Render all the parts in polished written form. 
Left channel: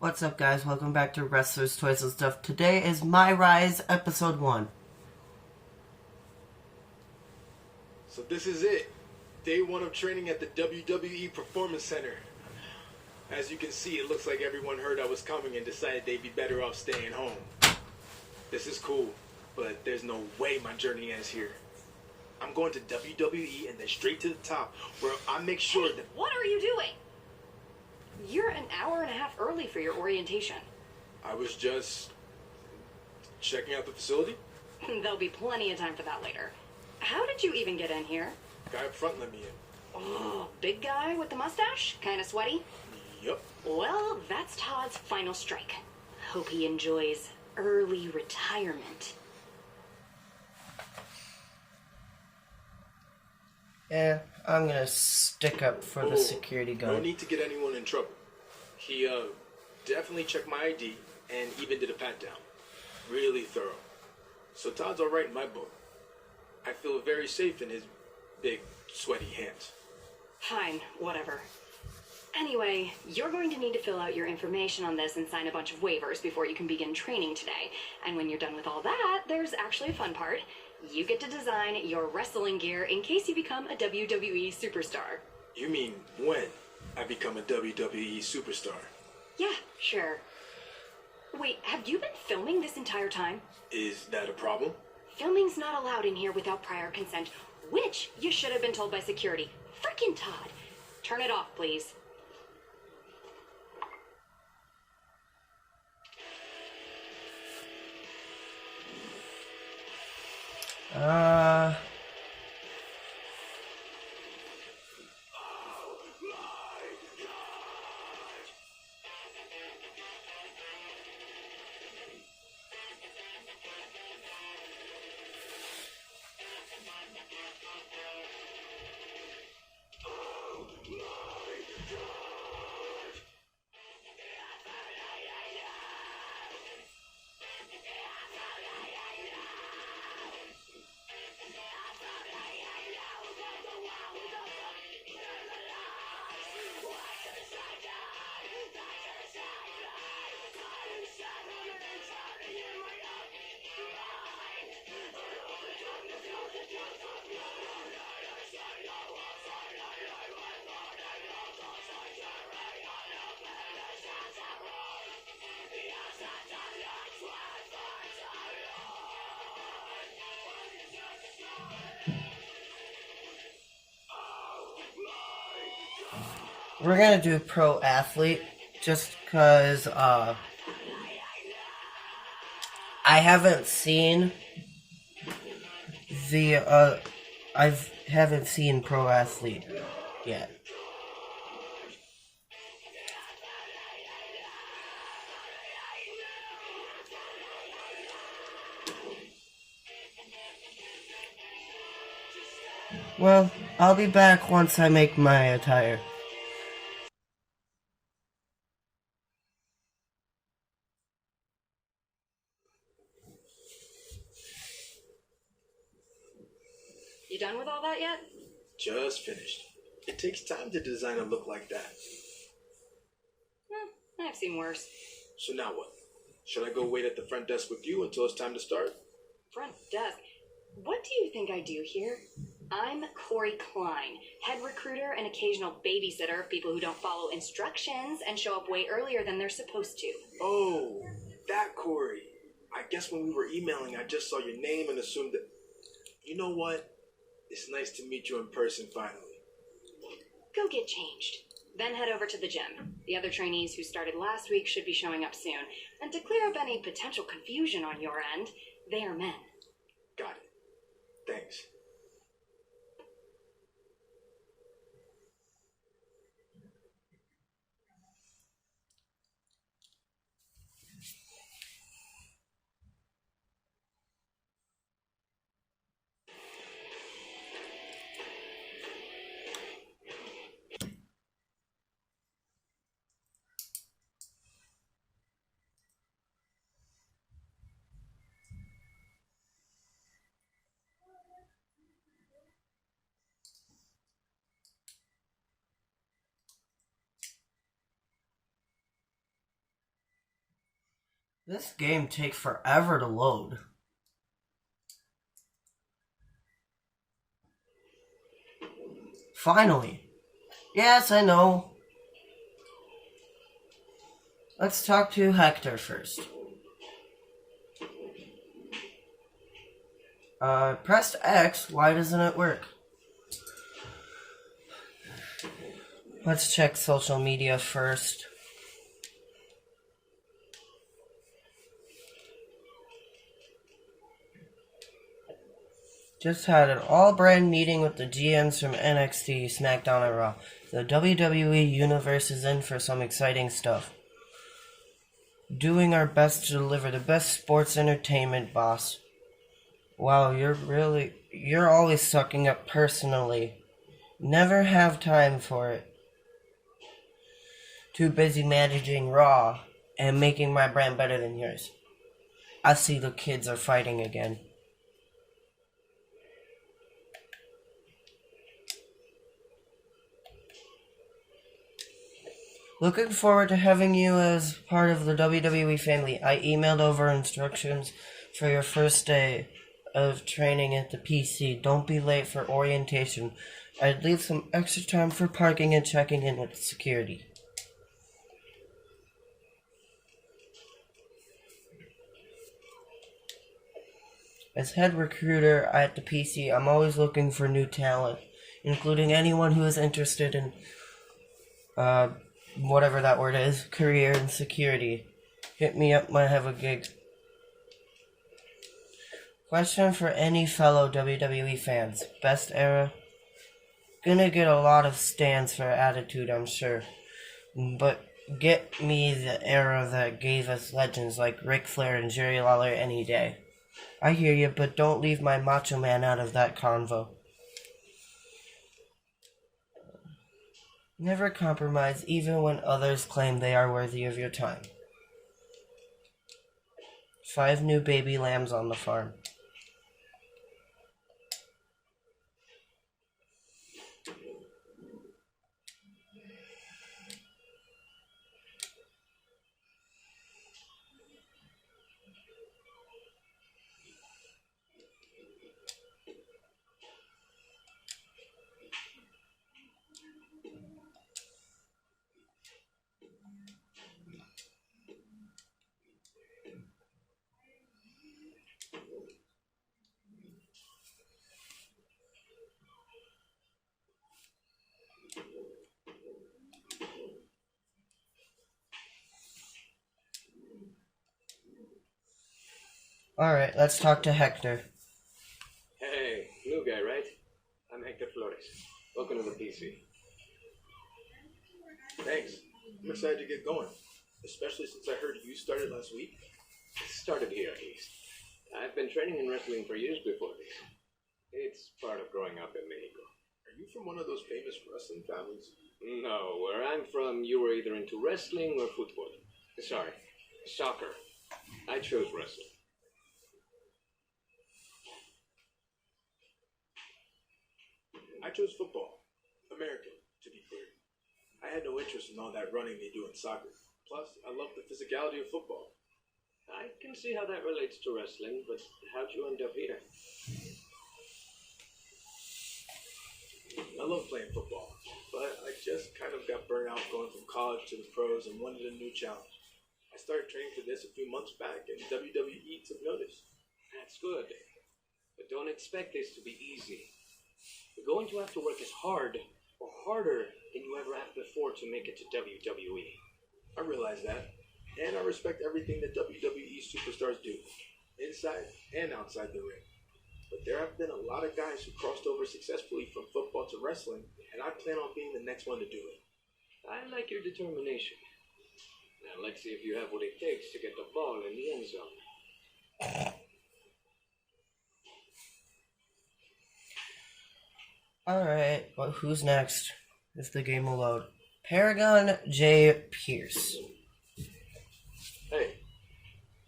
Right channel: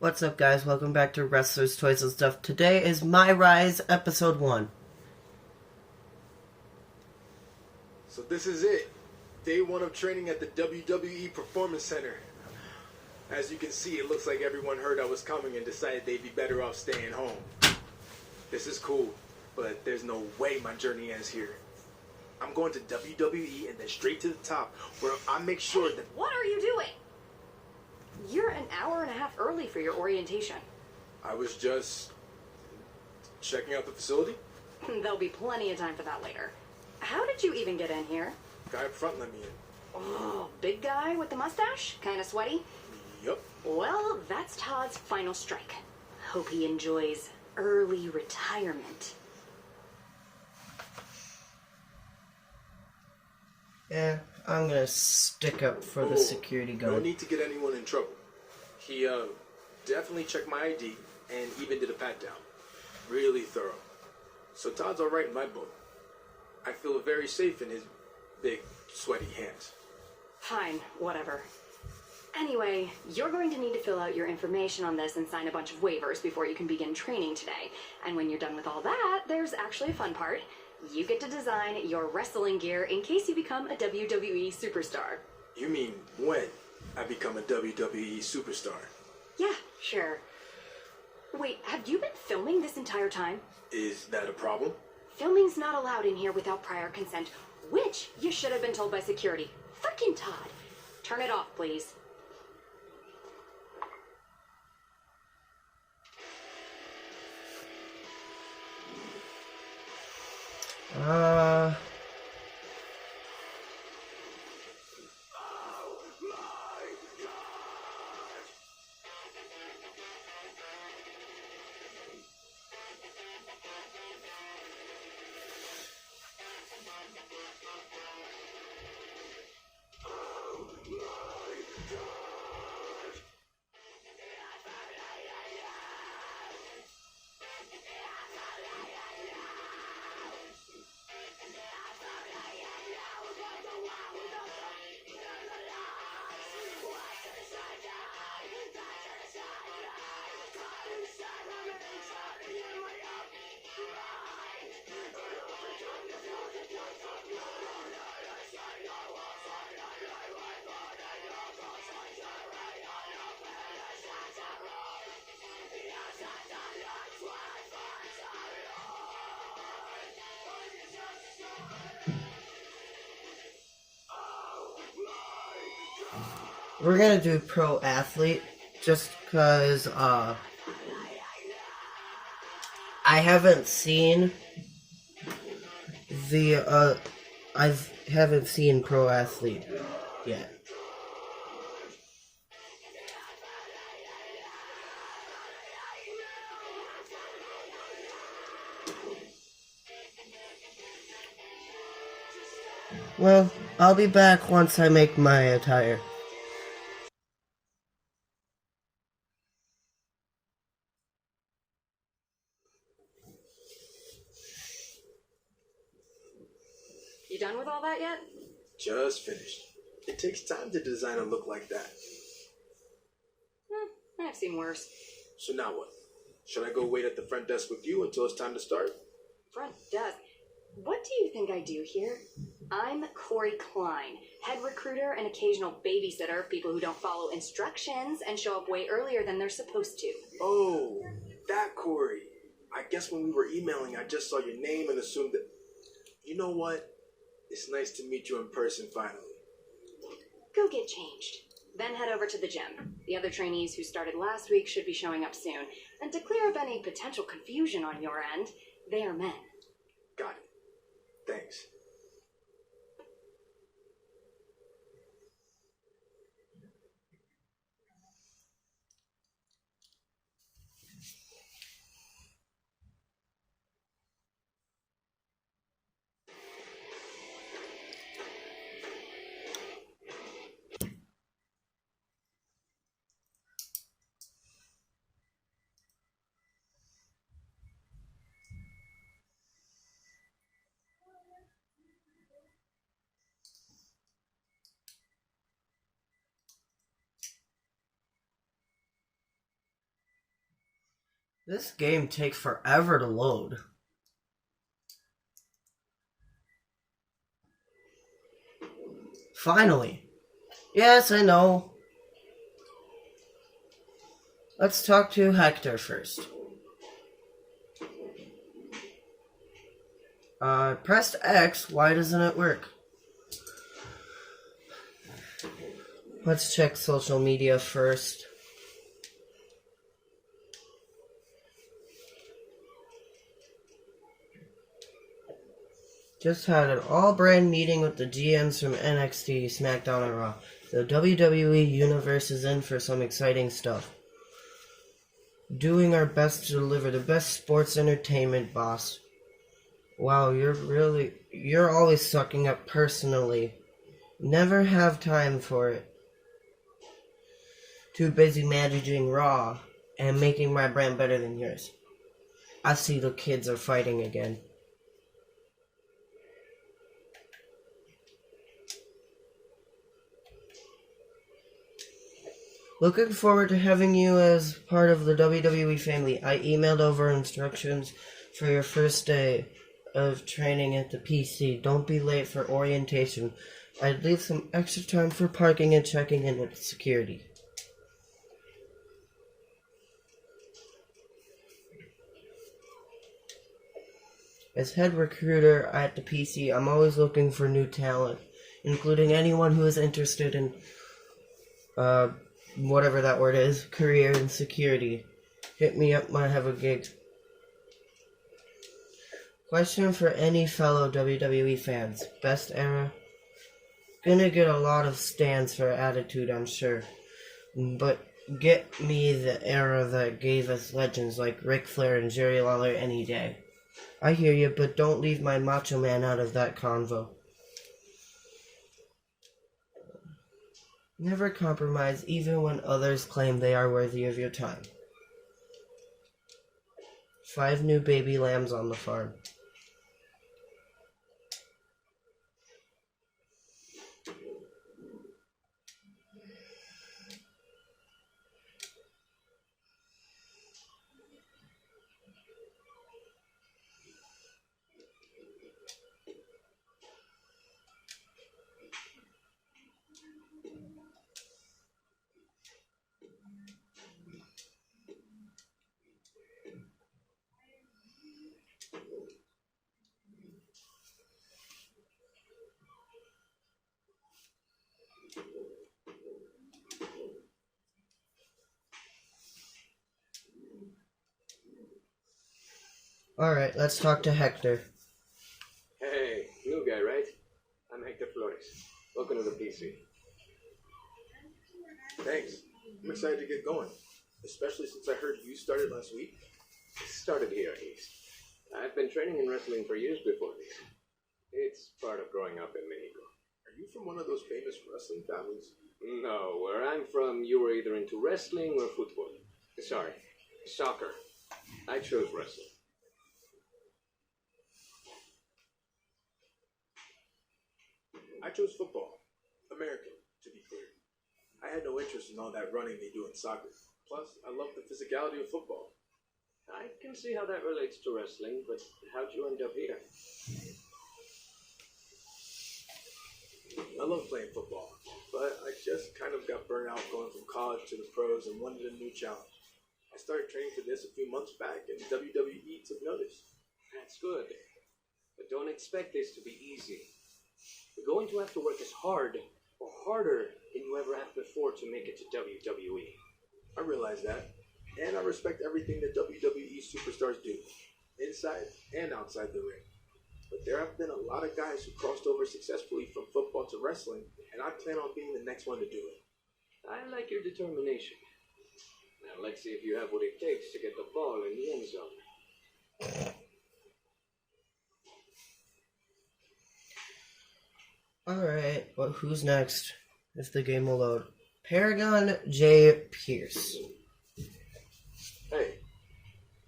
What's up, guys? Welcome back to Wrestlers, Toys, and Stuff. Today is MyRise Episode 1. So this is it. Day 1 of training at the WWE Performance Center. As you can see, it looks like everyone heard I was coming and decided they'd be better off staying home. This is cool, but there's no way my journey ends here. I'm going to WWE and then straight to the top, where I make sure that... What are you doing? You're an hour and a half early for your orientation. I was just... checking out the facility. There'll be plenty of time for that later. How did you even get in here? Guy up front let me in. Oh, big guy with the mustache? Kinda sweaty? Yup. Well, that's Todd's final strike. Hope he enjoys early retirement. Yeah, I'm gonna stick up for the security guard. No need to get anyone in trouble. He, definitely checked my ID and even did a pat-down. Really thorough. So Todd's alright in my book. I feel very safe in his big, sweaty hands. Fine, whatever. Anyway, you're going to need to fill out your information on this and sign a bunch of waivers before you can begin training today. And when you're done with all that, there's actually a fun part. You get to design your wrestling gear in case you become a WWE superstar. You mean when I become a WWE superstar? Yeah, sure. Wait, have you been filming this entire time? Is that a problem? Filming's not allowed in here without prior consent, which you should have been told by security. Frickin' Todd. Turn it off, please. We're gonna do pro athlete just because I haven't seen the I haven't seen pro athlete yet. Well, I'll be back once I make my attire. You done with all that yet? Just finished. It takes time to design a look like that. I've seen worse. So now what? Should I go wait at the front desk with you until it's time to start? Front desk. What do you think I do here? I'm Corey Klein, head recruiter and occasional babysitter of people who don't follow instructions and show up way earlier than they're supposed to. Oh, that Corey. I guess when we were emailing, I just saw your name and assumed that... You know what? It's nice to meet you in person finally. Go get changed. Then head over to the gym. The other trainees who started last week should be showing up soon. And to clear up any potential confusion on your end, they are men. Got it. Thanks. This game takes forever to load. Finally. Yes, I know. Let's talk to Hector first. Pressed X, why doesn't it work? Let's check social media first. Just had an all-brand meeting with the GMs from NXT, SmackDown, and Raw. The WWE Universe is in for some exciting stuff. Doing our best to deliver the best sports entertainment, boss. Wow, you're always sucking up personally. Never have time for it. Too busy managing Raw and making my brand better than yours. I see the kids are fighting again. Looking forward to having you as part of the WWE family. I emailed over instructions for your first day of training at the PC. Don't be late for orientation. I'd leave some extra time for parking and checking in with security. As head recruiter at the PC, I'm always looking for new talent, including anyone who is interested in whatever that word is, career and security. Hit me up when I have a gig. Question for any fellow WWE fans. Best era? Gonna get a lot of stands for attitude, I'm sure. But get me the era that gave us legends like Ric Flair and Jerry Lawler any day. I hear you, but don't leave my Macho Man out of that convo. Never compromise, even when others claim they are worthy of your time. 5 new baby lambs on the farm. Alright, let's talk to Hector. Hey, new guy, right? I'm Hector Flores. Welcome to the PC. Thanks. I'm excited to get going, especially since I heard you started last week. Started here, at least. I've been training in wrestling for years before this. It's part of growing up in Mexico. Are you from one of those famous wrestling families? No, where I'm from, you were either into wrestling or football. Sorry, soccer. I chose wrestling. I chose football. American, to be clear. I had no interest in all that running they do in soccer. Plus, I love the physicality of football. I can see how that relates to wrestling, but how'd you end up here? I love playing football, but I just kind of got burnt out going from college to the pros and wanted a new challenge. I started training for this a few months back, and WWE took notice. That's good. But don't expect this to be easy. You're going to have to work as hard or harder than you ever have before to make it to WWE. I realize that, and I respect everything that WWE superstars do, inside and outside the ring. But there have been a lot of guys who crossed over successfully from football to wrestling, and I plan on being the next one to do it. I like your determination. Now let's see if you have what it takes to get the ball in the end zone. Alright, well, who's next? If the game will load. Paragon J. Pierce. Hey,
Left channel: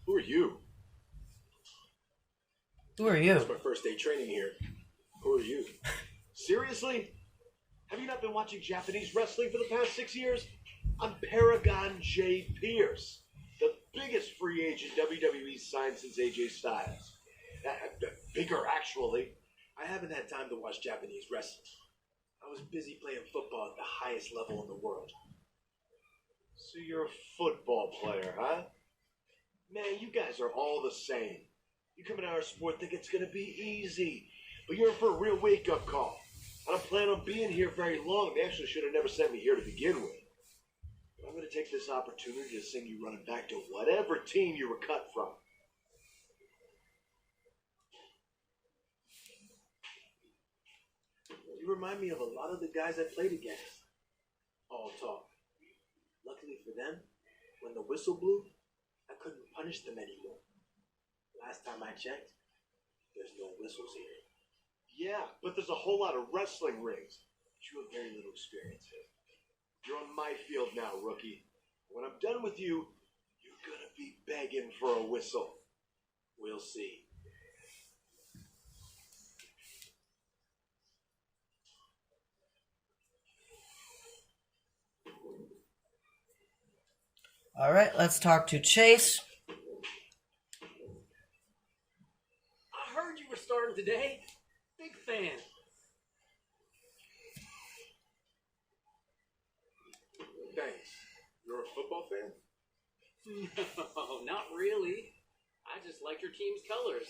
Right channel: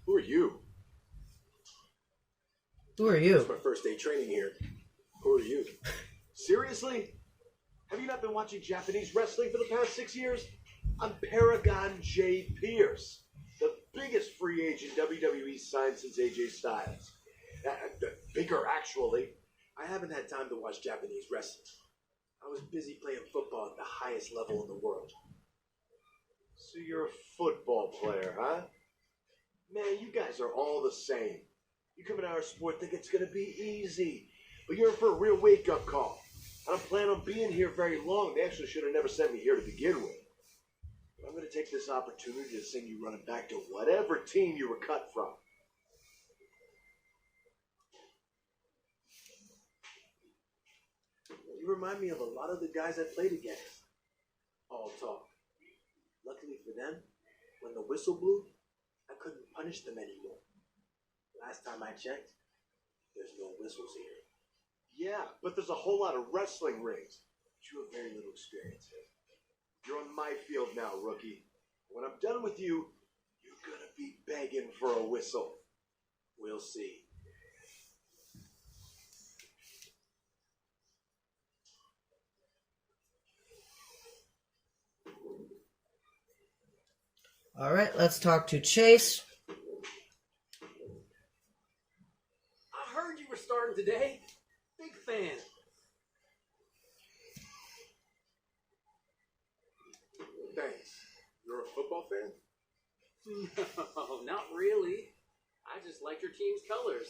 who are you? Who are you? It's my first day training here. Who are you? Seriously? Have you not been watching Japanese wrestling for the past 6 years? I'm Paragon J. Pierce, the biggest free agent WWE signed since AJ Styles. Bigger, actually. I haven't had time to watch Japanese wrestling. I was busy playing football at the highest level in the world. So you're a football player, huh? Man, you guys are all the same. You come into our sport think it's going to be easy. But you're in for a real wake-up call. I don't plan on being here very long. They actually should have never sent me here to begin with. But I'm going to take this opportunity to send you running back to whatever team you were cut from. You remind me of a lot of the guys I played against. All talk. Luckily for them, when the whistle blew, I couldn't punish them anymore. Last time I checked, there's no whistles here. Yeah, but there's a whole lot of wrestling rings. But you have very little experience here. You're on my field now, rookie. When I'm done with you, you're going to be begging for a whistle. We'll see. All right, let's talk to Chase. I heard you were starting today. Big fan. Thanks. You're a football fan? No, not really. I just like your team's colors.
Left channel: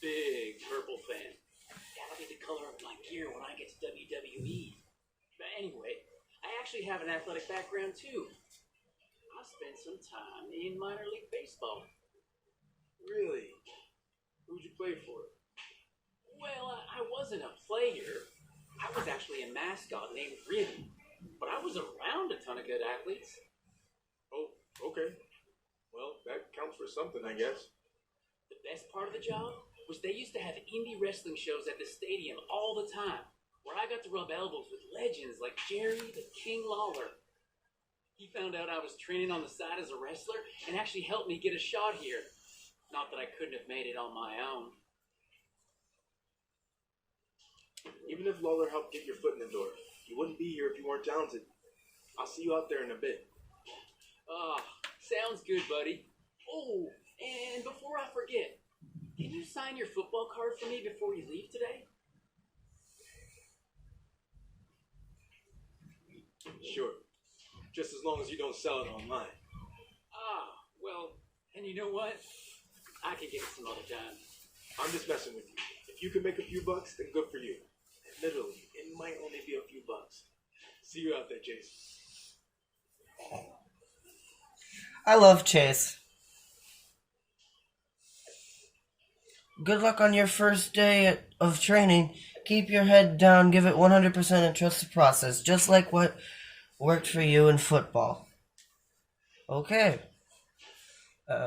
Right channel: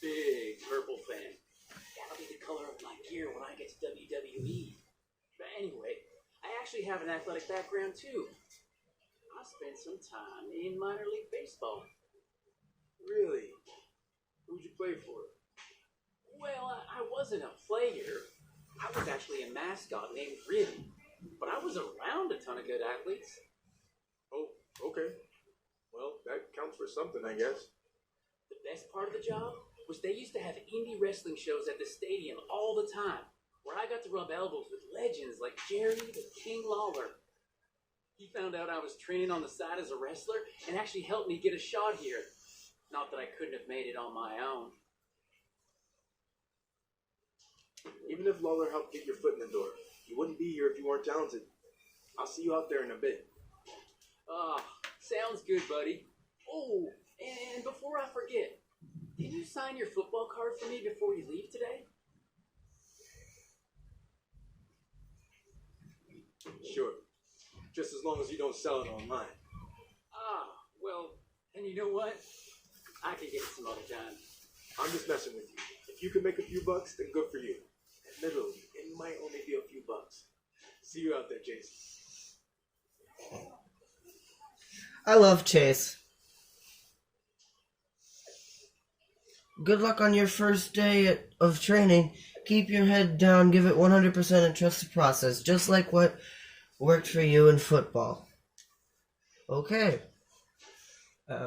Big purple fan. That'll be the color of my gear when I get to WWE. But anyway, I actually have an athletic background too. I spent some time in minor league baseball. Really? Who'd you play for? Well, I wasn't a player. I was actually a mascot named Riddy. But I was around a ton of good athletes. Oh, okay. Well, that counts for something, I guess. The best part of the job was they used to have indie wrestling shows at the stadium all the time, where I got to rub elbows with legends like Jerry the King Lawler. He found out I was training on the side as a wrestler and actually helped me get a shot here. Not that I couldn't have made it on my own. Even if Lawler helped get your foot in the door, you wouldn't be here if you weren't talented. I'll see you out there in a bit. Ah, sounds good, buddy. Oh, and before I forget, can you sign your football card for me before you leave today? Sure. Just as long as you don't sell it online. Ah, well, and you know what? I can get it some other time. I'm just messing with you. If you can make a few bucks, then good for you. Admittedly, it might only be a few bucks. See you out there, Jason. I love Chase. Good luck on your first day of training. Keep your head down, give it 100% and trust the process, just like what worked for you in football. Okay.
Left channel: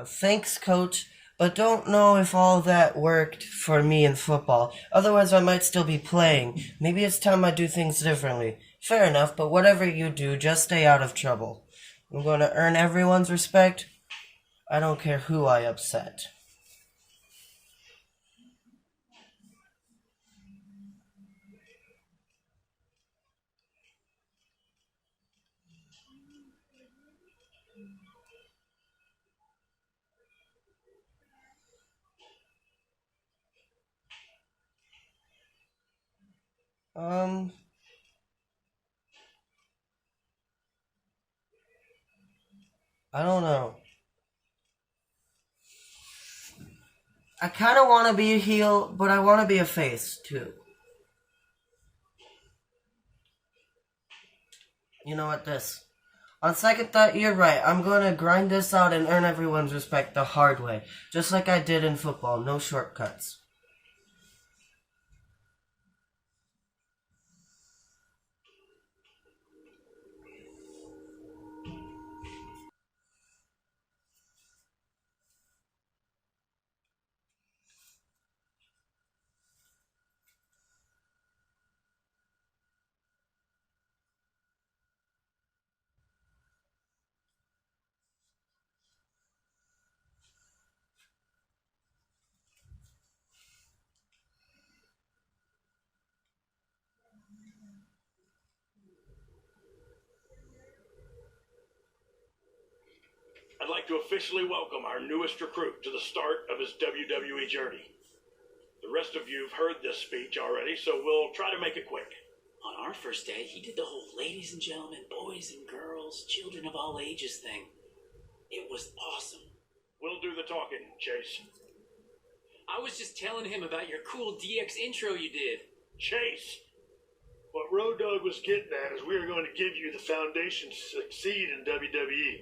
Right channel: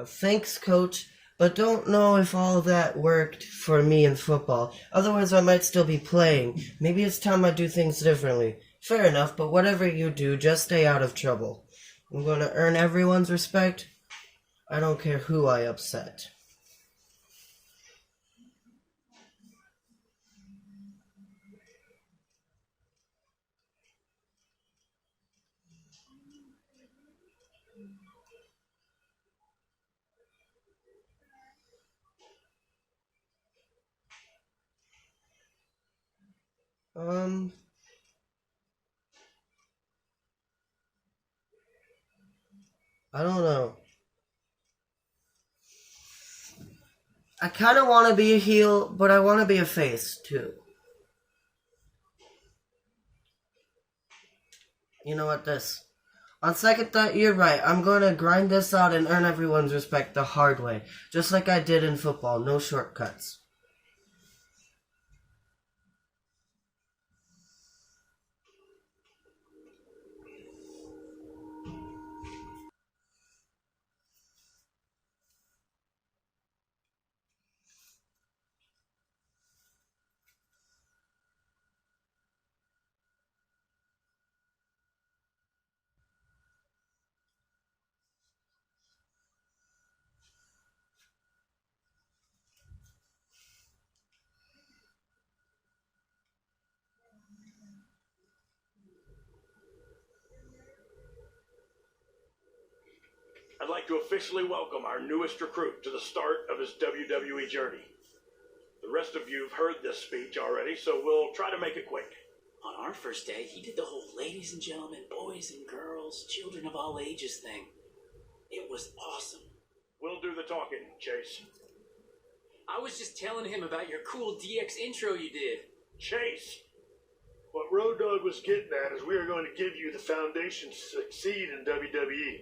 Thanks, coach. But don't know if all that worked for me in football. Otherwise, I might still be playing. Maybe it's time I do things differently. Fair enough, but whatever you do, just stay out of trouble. I'm going to earn everyone's respect. I don't care who I upset. I don't know. I kind of want to be a heel, but I want to be a face, too. You know what, on second thought, you're right. I'm going to grind this out and earn everyone's respect the hard way. Just like I did in football. No shortcuts. like to officially welcome our newest recruit to the start of his WWE journey. The rest of you have heard this speech already, so we'll try to make it quick. On our first day, he did the whole ladies and gentlemen, boys and girls, children of all ages thing. It was awesome. We'll do the talking, Chase. I was just telling him about your cool DX intro you did. Chase! What Road Dogg was getting at is we are going to give you the foundation to succeed in WWE.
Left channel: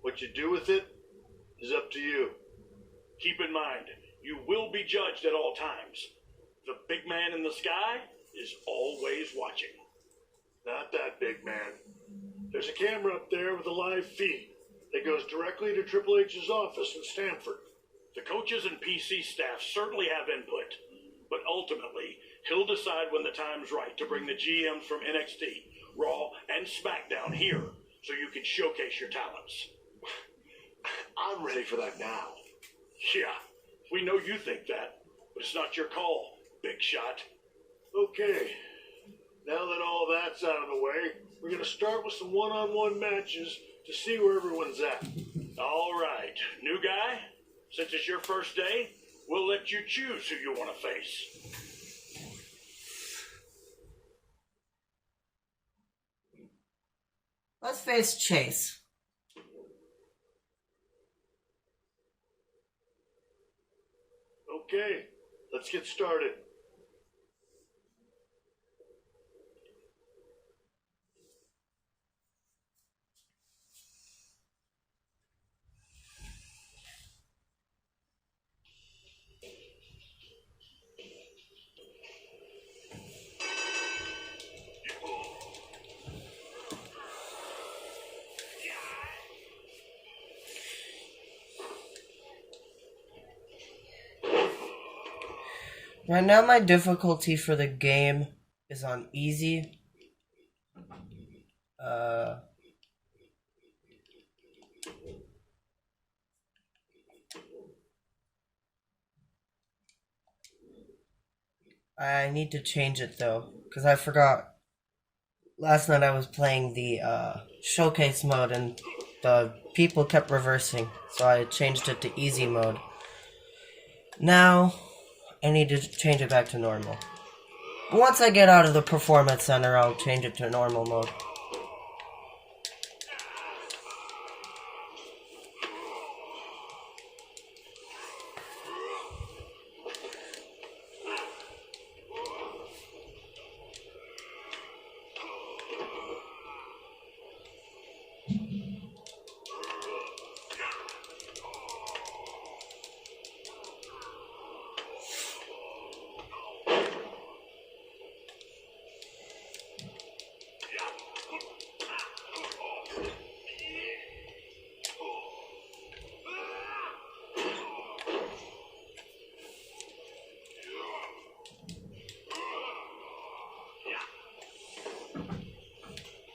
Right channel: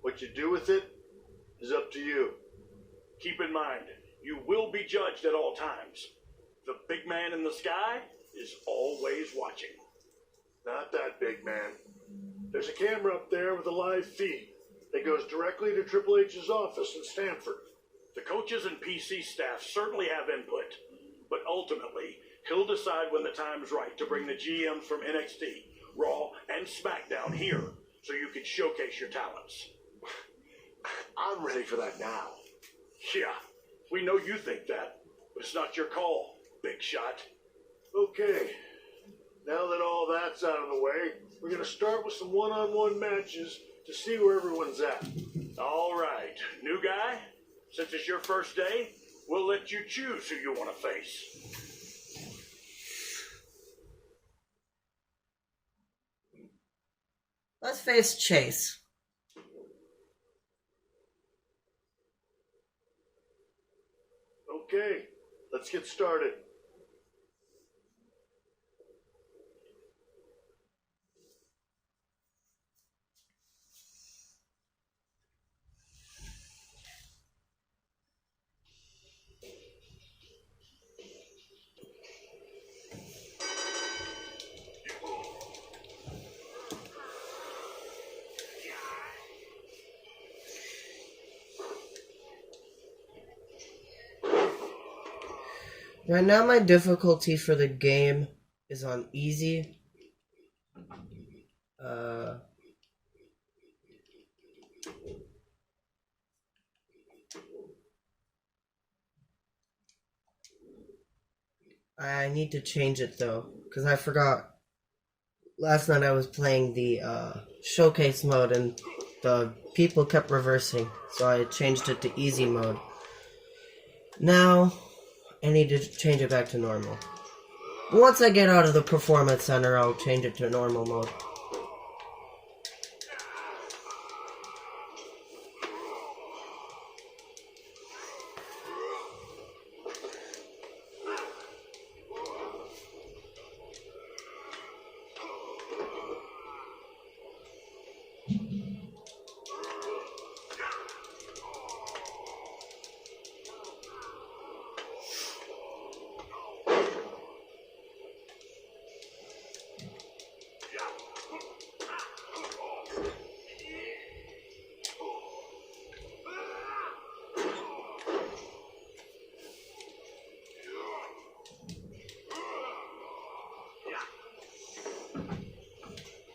What you do with it is up to you. Keep in mind, you will be judged at all times. The big man in the sky is always watching. Not that big man. There's a camera up there with a live feed that goes directly to Triple H's office in Stanford. The coaches and PC staff certainly have input, but ultimately, he'll decide when the time's right to bring the GMs from NXT, Raw, and SmackDown here so you can showcase your talents. I'm ready for that now. Yeah, we know you think that, but it's not your call, big shot. Okay, now that all that's out of the way, we're going to start with some one-on-one matches to see where everyone's at. All right, new guy, since it's your first day, we'll let you choose who you want to face. Let's face Chase. Okay, let's get started. Right now my difficulty for the game is on easy. I need to change it though, because I forgot. Last night I was playing the showcase mode and the people kept reversing, so I changed it to easy mode. Now I need to change it back to normal. Once I get out of the performance center, I'll change it to normal mode.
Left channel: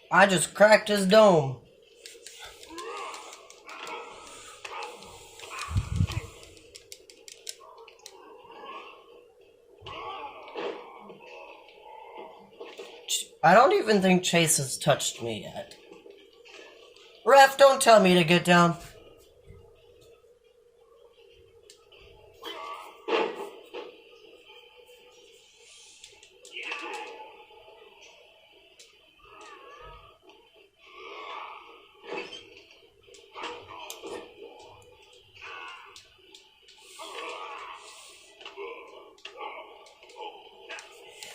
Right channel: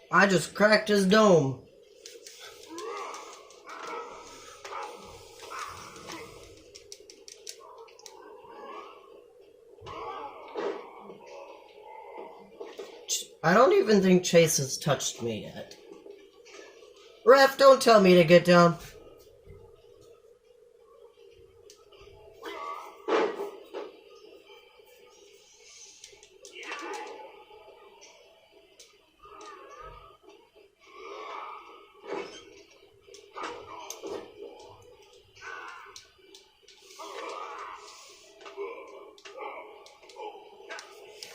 I just cracked his dome. I don't even think Chase has touched me yet. Ref, don't tell me to get down.